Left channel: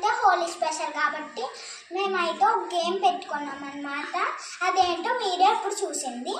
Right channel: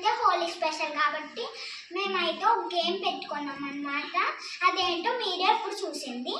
అయితే హోలీ స్పెషల్ కాబట్టి మేమైతే ఒక గేమ్ పెట్టుకున్నాం అన్నమాట. అదేంటో మీరే ఇప్పుడు చూసింది.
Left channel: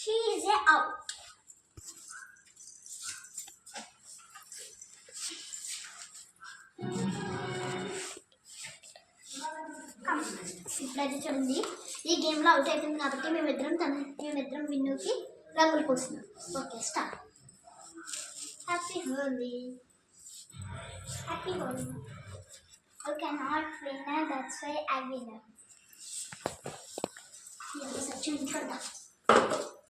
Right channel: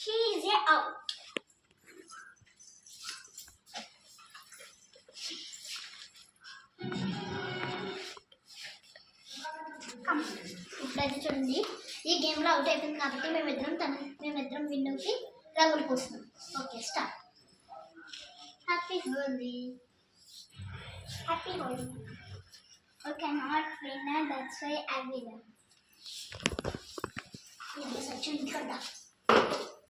She is out. ఇప్పుడైతే చూడండి, ఈ గేమ్లో అవుట్ అయిపోయింది కాబట్టి మేమిద్దరం విన్నుకి రంగులు పూస్తున్నాం. Okay, start. Happy Holi. Happy Holi. I cannot win, that's why I win. Yes, I choose for that.